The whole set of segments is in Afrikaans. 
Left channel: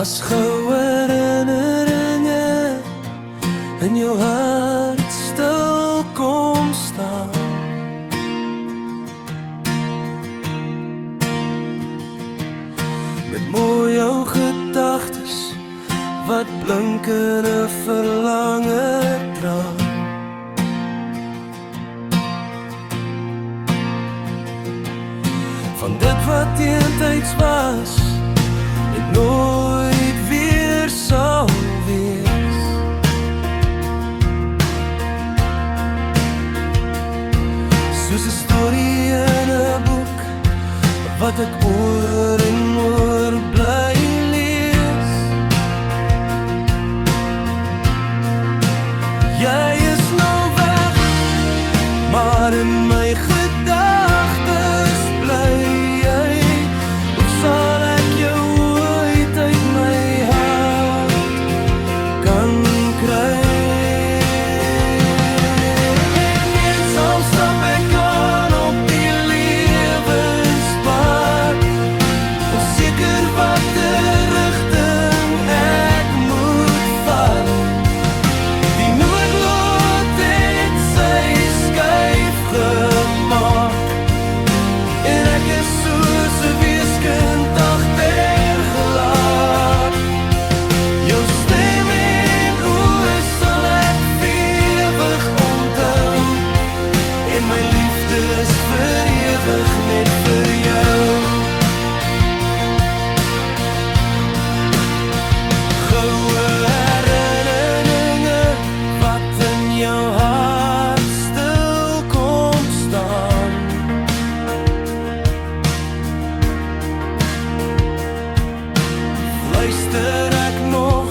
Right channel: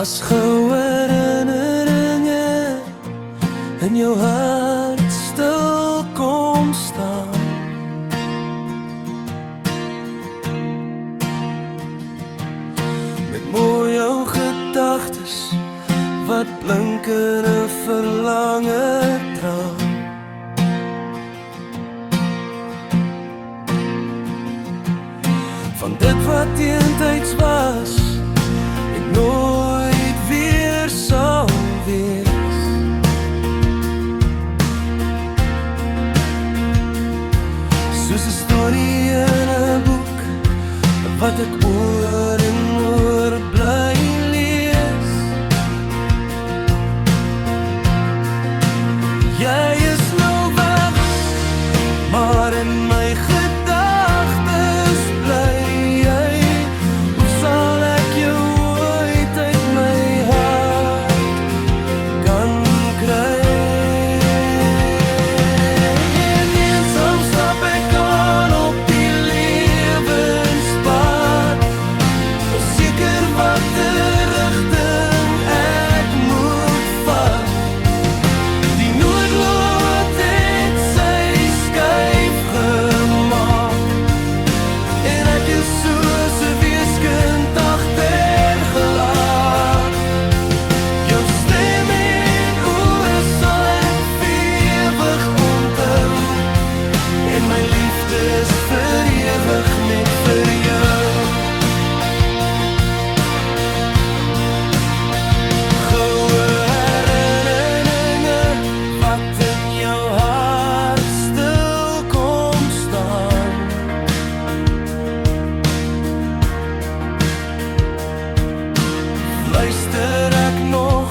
as goue herinneringe in jou hart stil kom staan. Met mooi jou gedagtes wat blink in 'n verlange traan. Van dit wat eentyds was en nooit weer sal wees. Soos 'n storie in 'n boek wat ek oor en oor bly lees. Jy is nou weg, maar in my gedagtes bly jy. Hoe sal ek jou ooit uit my hart kan kry? En eensaam stap ek aan op die lewenspad, onseker watter rigting ek moet vat. Die noodlot het sy skuif gemaak en ek is soos 'n weeskind agtergelaat. Jou stem en oë sal ek vir ewig onthou, en my liefde is vir ewig net vir jou. Goue herinneringe wat in jou hart stil kom staan. Luister ek nog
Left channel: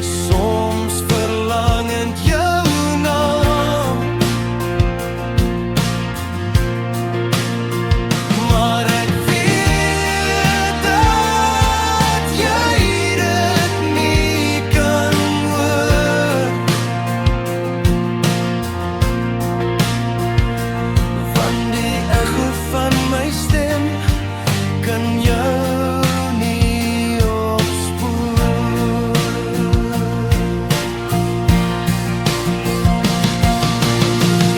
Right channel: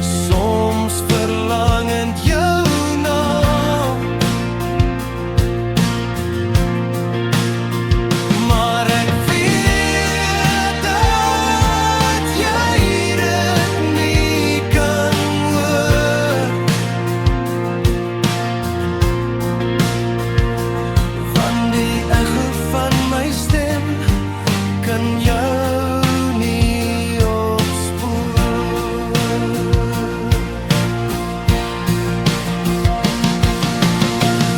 soms verlangend jou naam, maar ek weet dat jy dit nie kan hoor, want die echo van my stem kan jou nie opspoor.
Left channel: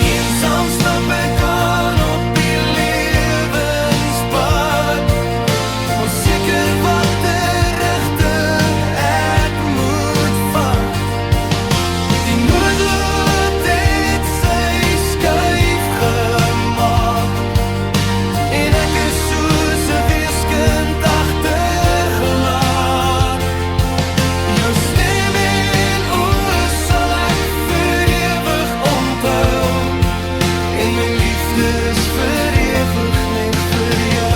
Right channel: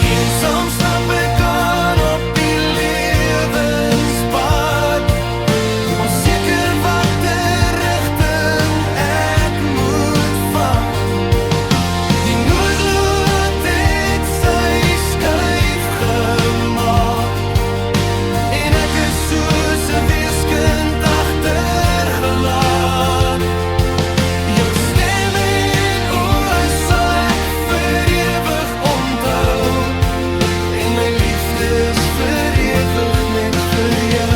Eensaam stap ek aan op die lewenspad, onseker watter rigting ek moet vat. Die noodlot het sy skuif gemaak en ek is soos 'n weeskind agtergelaat. Jou stem en oë sal ek vir ewig onthou, en my liefde is vir ewig net vir jou.